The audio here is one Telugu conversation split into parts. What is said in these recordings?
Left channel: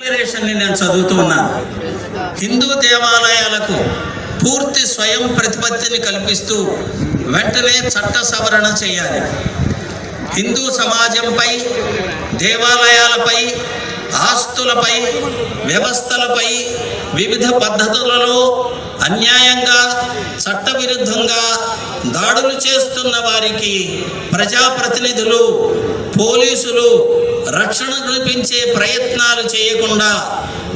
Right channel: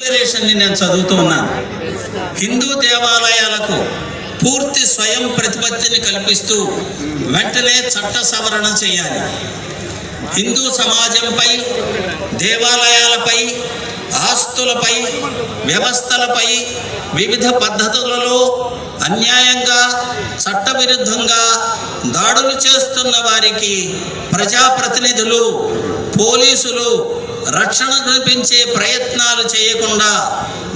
డిక్లరేషన్ని నేను చదువుతున్నాను. హిందూ దేవాలయాలకు పూర్తి స్వయం ప్రతిపత్తిని కల్పిస్తూ వెంటనే చట్ట సవరణ చేయాలి. హిందూ సమాజంపై, దేవాలయాలపై, ఆస్తులపై, వ్యవస్థలపై వివిధ పద్ధతులలో అన్యాయంగా, చట్టవిరుద్ధంగా దాడులు చేస్తున్న వారికి ప్రజాప్రతినిధులు, పోలీసులు రక్షణ కల్పించే ప్రయత్నాలు చేయకుండా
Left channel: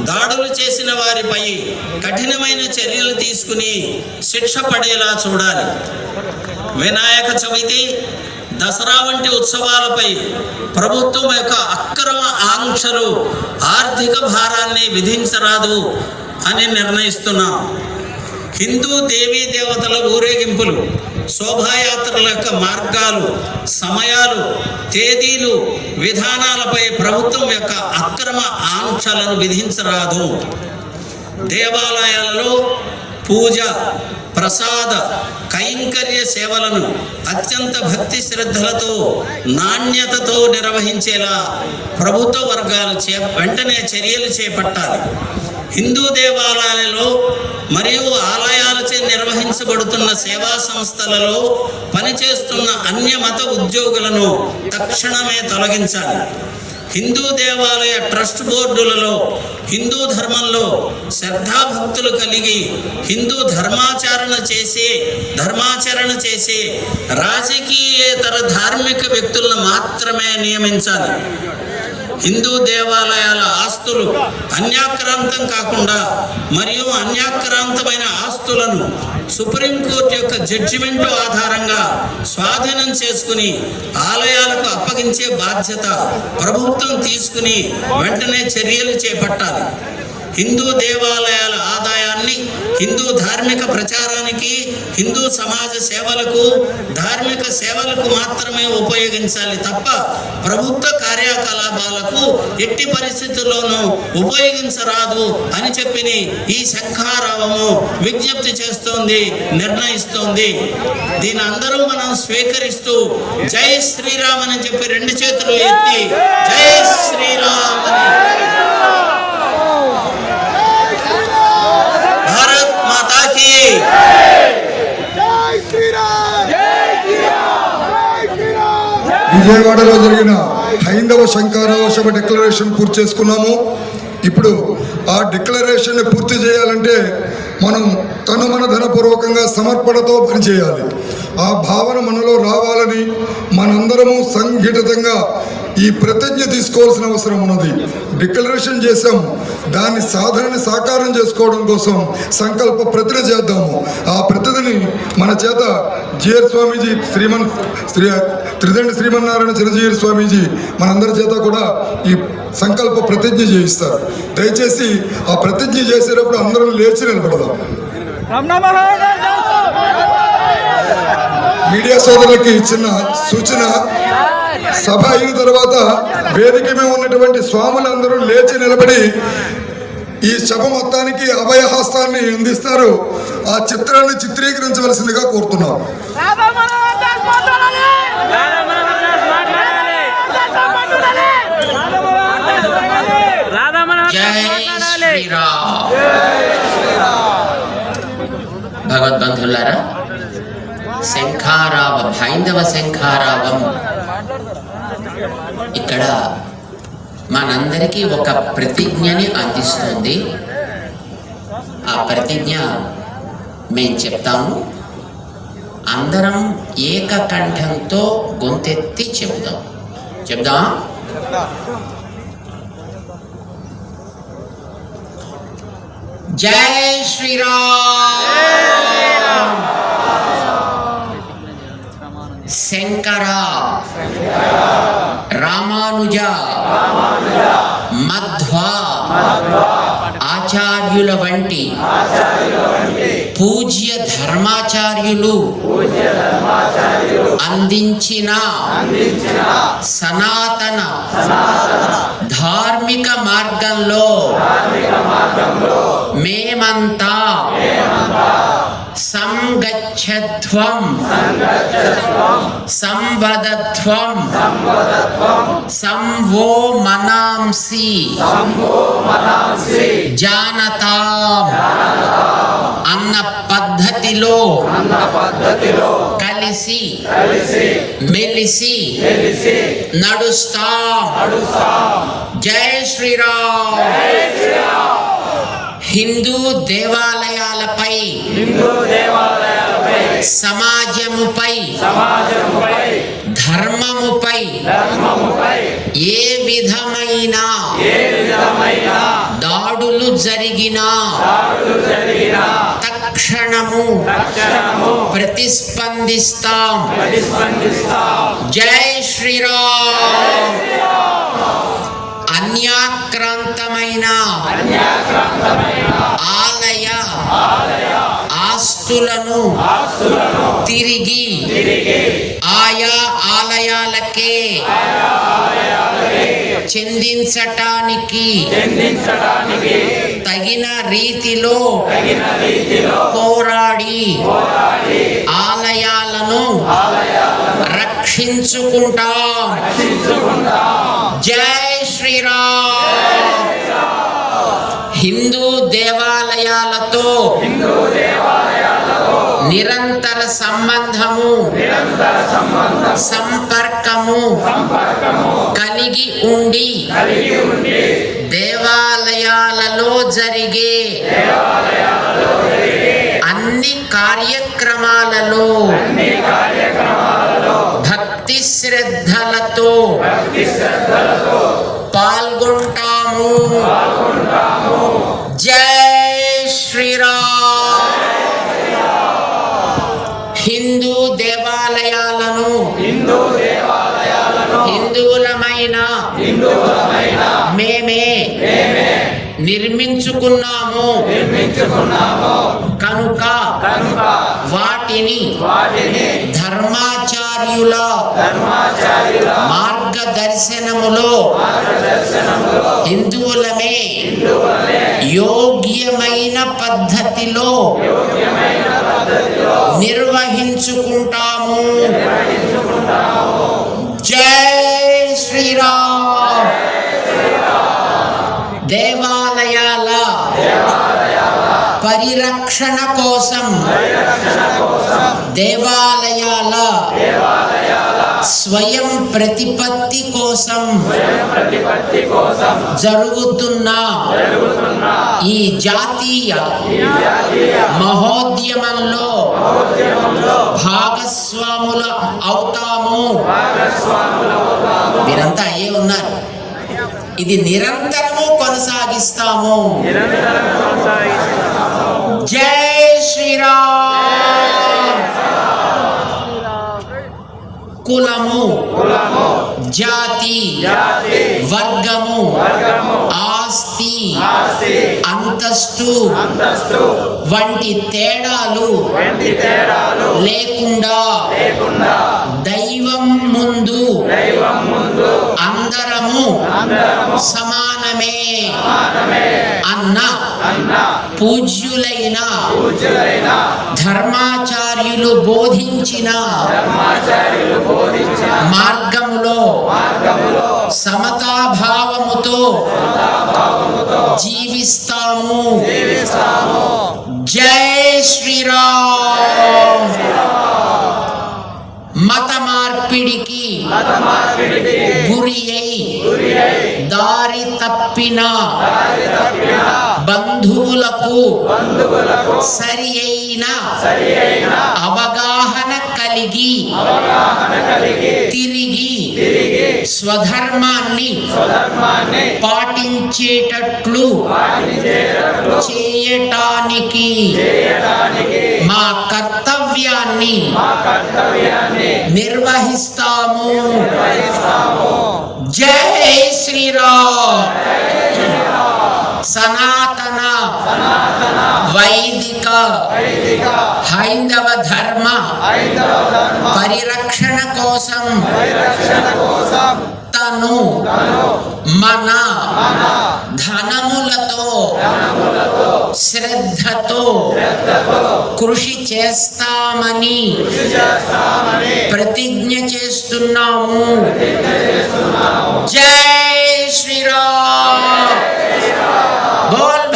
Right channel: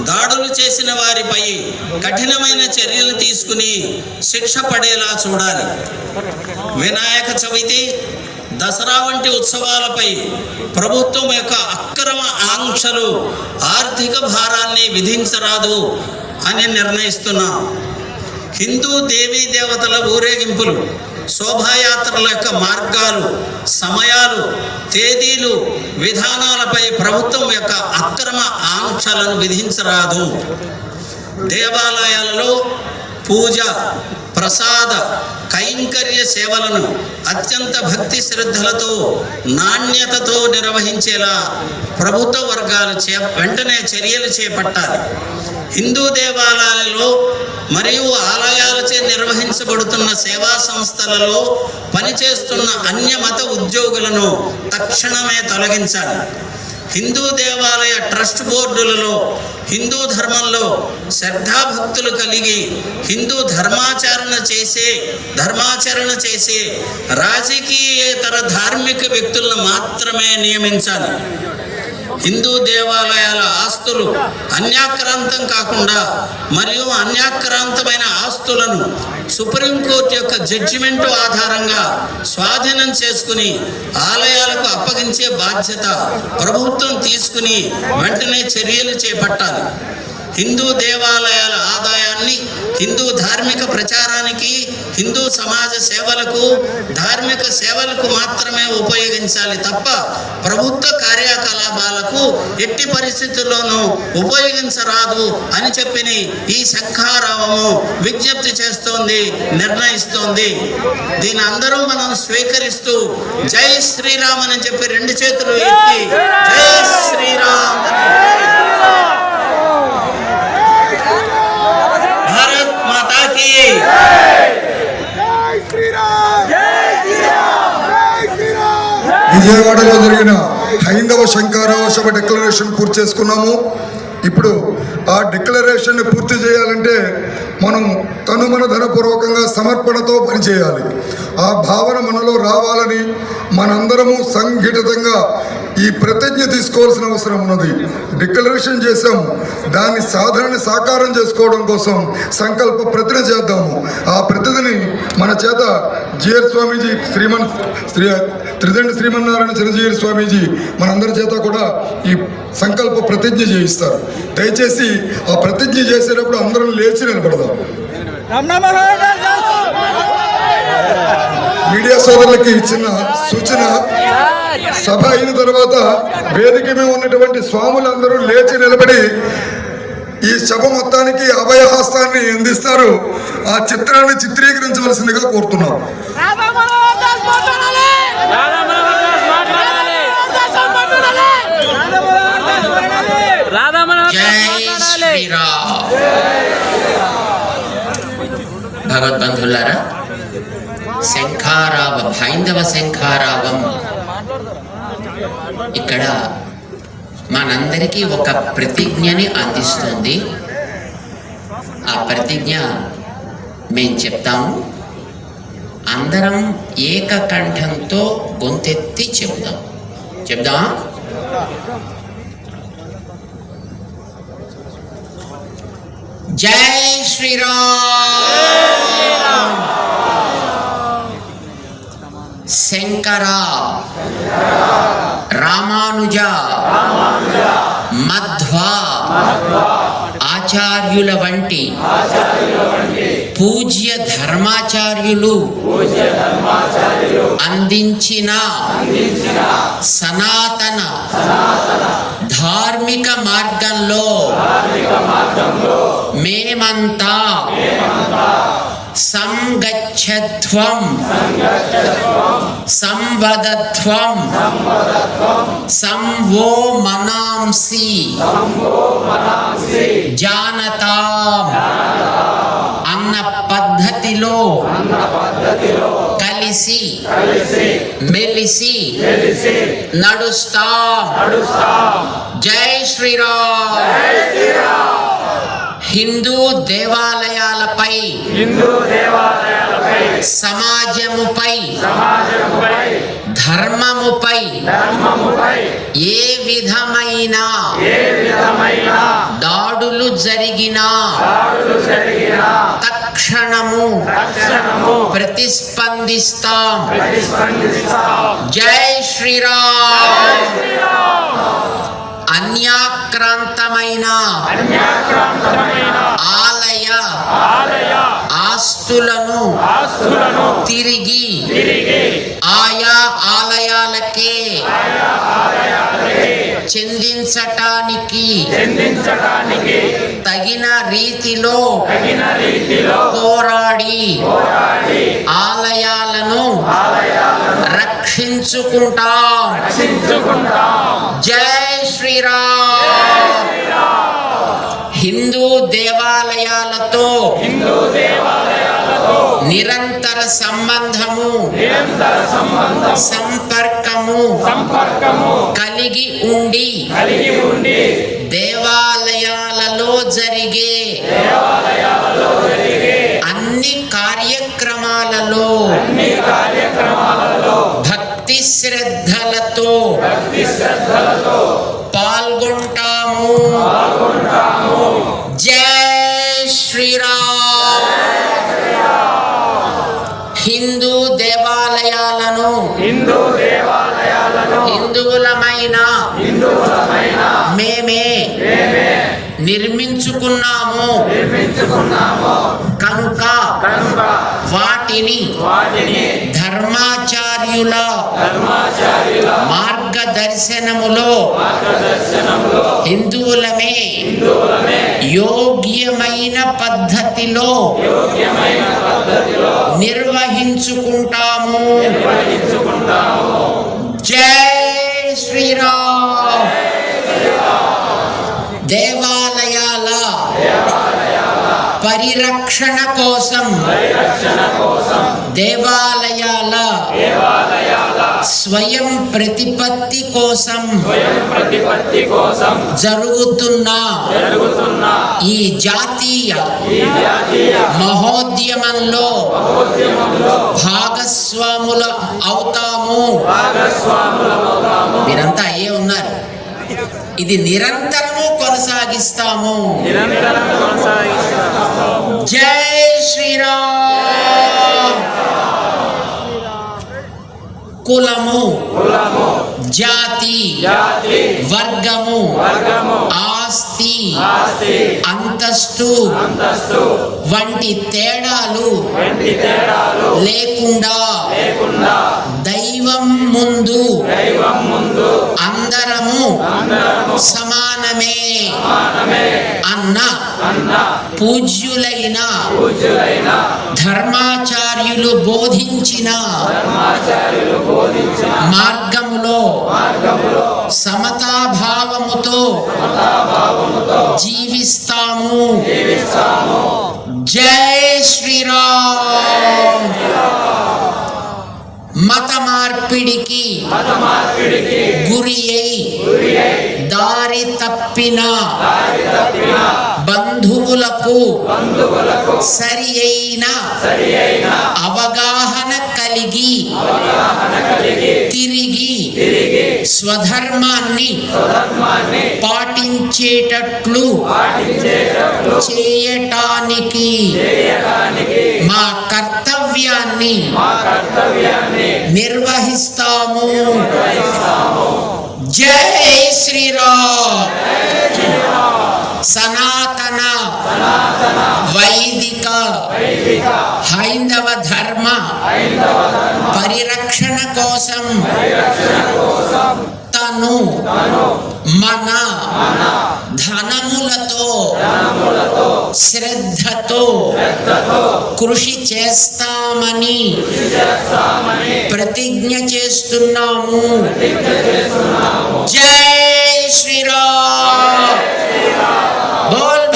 దాడులు చేసిన వారిపై కఠినమైన చర్యలు తీసుకుని శిక్ష పడేలా చూడాలి. వినాయక చవితి, దసరా వంటి ఉత్సవాలపై ప్రభుత్వం యొక్క అక్రమ ఆంక్షలు ఆర్థిక భారాన్ని విధించరాదు అని నిర్ణయిస్తున్నాం. హిందూ దేవీ దేవతల ఊరేగింపులు, శోభాయాత్రల యొక్క మార్గాలు, సమయాలు, తేదీలు, విధానాలపై ప్రభుత్వం యొక్క అక్రమ ఆంక్షలను విధించరాదు. దేవాలయాలలో పూజ, ప్రసాద, కైంకర్య సేవలను అత్యంత భక్తి శ్రద్ధలతో, నాణ్యతతో నిర్వహించేలా ప్రభుత్వ వర్గాలు వెంటనే చర్యలు చేపట్టాలి. హిందూ దేవాలయాలలో మరియు ఆలయాలచే నిర్వహించబడుతున్న సేవా సంస్థలలో పనిచేస్తున్న అన్య మత ఉద్యోగులను తక్షణమే తొలగించాలి. హిందూ దేవాలయ ట్రస్ట్ బోర్డులలో హిందూ ధర్మంలో శ్రద్ధాభక్తులు కలిగి హిందూ ధర్మాచరణ చేసే రాజకీయేతర ధార్మిక వ్యక్తులను మాత్రమే నియమించాలి. హిందూ దేవాలయాల ఆస్తులు అన్యాక్రాంతం కాకుండా మరియు అన్యాక్రాంతమైన ఆస్తులను సుప్రీంకోర్టు యొక్క జడ్జిమెంటు ఆధారంగా స్వాధీనం చేసుకుని ఆలయాలకు అప్పగించే బాధ్యత ప్రభుత్వం తీసుకుని వెంటనే చర్యలు చేపట్టాలి. హిందూ దేవాలయాల ఆదాయాన్ని హిందూ ధార్మిక ప్రచారానికి, హిందూ సమాజ సేవలకు, ధార్మిక సేవలకు మాత్రమే ఉపయోగించాలి తప్ప ప్రభుత్వ కార్యకలాపాలకు ఎట్టి పరిస్థితుల్లోనూ ఉపయోగించరాదు అని చెప్పి ఈ శంఖారావము విజ్ఞప్తి చేస్తోంది, నిర్ణయిస్తోంది. దీని అందరూ మనం స్వీకరిస్తూ జై శ్రీరామ్ అని చెప్పి రెండు చేతులు ఎత్తి జై శ్రీరామ్, భారత్ మాతా కీ, విజయవాడలో జరిగిన హైందవ శంఖారావ సభ డిక్లరేషన్ పూర్తి చేసుకున్నాము. ఇప్పుడు ఆ డిక్లరేషన్ని పూర్తి చేయాలంటే మనం మన ధనపూర్వకంగా సమర్పణతో పనిచేయాలి. ఆ భావన మనలో రావాలని మనందరము సంఘటితంగా ఈ ప్రతిజ్ఞ తీసుకోవాల్సిన అవసరం ఉన్నది. డిక్లరేషన్ చేశాము, దాని సాధనని సాకారం చేసుకోవడం కోసం సంకల్ప ప్రతిజ్ఞ చేద్దాము. ఆ ప్రతిజ్ఞని మన చేత జిఆర్ స్వామీజీ, త్రిదండి శ్రీమన్నారాయణ చిరంజీవి స్వామీజీ మనందరి చేత కూడా ఈ సంకల్ప ప్రతిజ్ఞ చేయిస్తారు. దయచేసి ఆ ప్రతిజ్ఞ చేసేటప్పుడు అందరం లేచి నిలబడదాం. మీడియా సోదరులకి ఇచ్చిన సూచన, సభ అయిన తర్వాత వేదిక మీద ఉన్నటువంటి స్వాములందరూ లేచి నిలబడి ఈ సభ మొత్తానికి అభయహస్తాన్ని అందిస్తారు. ఆ చిత్రాన్ని చిత్రీకరించవలసిందిగా కోరుతున్నాం. భగవద్బంధులారా, శంఖారావం, హైందవ శంఖారావం ఇక్కడ మనందరికీ ఒక ప్రతిజ్ఞని అందిస్తుంది. ఆ ప్రతిజ్ఞ మేము చెప్తాము. అందరం ఏకకంఠంతో గొంతెత్తి చెప్దాం. జై శ్రీరామ్. శంకర, రామానుజ, మధ్వ ఆచార్యుల వంటి పూజ్య ధర్మాచార్యులు అందించిన సనాతన ధార్మిక మార్గంలో మేమంతా సంగచ్చధ్వం సంవదధ్వం సంవో మనాంసి జానతాం అన్న పద్ధతిలో కలిసి మెలిసి నడుస్తాం. జై శ్రీరామ్. హిందూ దేవాలయాలపై సమాజముపై ధర్మముపై ఏ విధమైన దాడులు జరిగినా తక్షణము ప్రతిస్పందిస్తాం. జై శ్రీరామ్. అన్యాక్రాంతమైన ఆలయ ఆస్తులను తిరిగి ఆయా ఆలయాలకే చెందించటానికి తగిన రీతిలో పోరాడి ఆలయాలను రక్షించుకుంటాం. జై శ్రీరామ్. హిందూ దేవాలయాలతో నిరంతర సంబంధము సంపర్కము కలిగి ఉండి దేవాలయాలలో జరిగే అన్ని కార్యక్రమాలలో భక్తి శ్రద్ధలతో పాల్గొంటాము. జై శ్రీరామ్. హిందూ దేవాలయాలను హిందువులమైన మేమే నిర్మించుకున్నాము కనుక వాటిని ధర్మాచార్యుల మార్గదర్శనములో హిందువులమే యోగ్యమైన పద్ధతిలో నిర్వహించుకుంటాము. జై శ్రీరామ్. దేవాలయాల పరిరక్షణ కోసం దేవాలయాల స్వయం ప్రతిపత్తి కోసం జరుగుతున్న ఈ జాతీయ మహోద్యమంలో భాగస్వాముల అవుతాము. మీరంతా అయ్యే ఉన్నారు. ఇది నిరంతరము కొనసాగిస్తాము. జై శ్రీరామ్. కులము జాతి వర్గము ఆస్తి అంతస్తు వంటి తేడాలు లేకుండా దైవం ముందు అందరము సమానమే అన్న పూజ్యులైన ధర్మాచార్యులు బోధించిన మార్గంలో సమతాభావముతో జీవిస్తాము. జై శ్రీరామ్. మత మార్పిడికి గురి అయి దారి తప్పిన బంధువులకు సరి అయిన అవగాహన కలిగి తిరిగి స్వధర్మాన్ని పాటించేటట్లు చేయటానికి మా కర్తవ్యాన్ని నిర్వహిస్తాము. జై శ్రీరామ్. సనాతన వైదిక హైందవ ధర్మ పరిరక్షణ కోసం తను మన ధనములతో శ్రద్ధతో కృషి చేస్తామని ప్రతిజ్ఞ చేస్తున్నాము. జై శ్రీరామ్. బోల్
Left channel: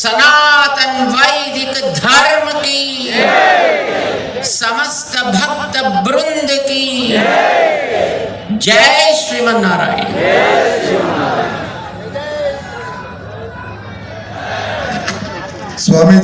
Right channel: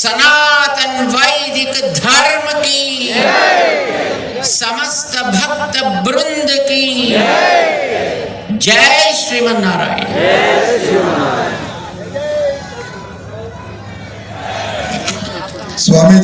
सनातन वैदिक धर्म की समस्त भक्त वृंद की जय श्रीमन्नारायण। స్వామీజీ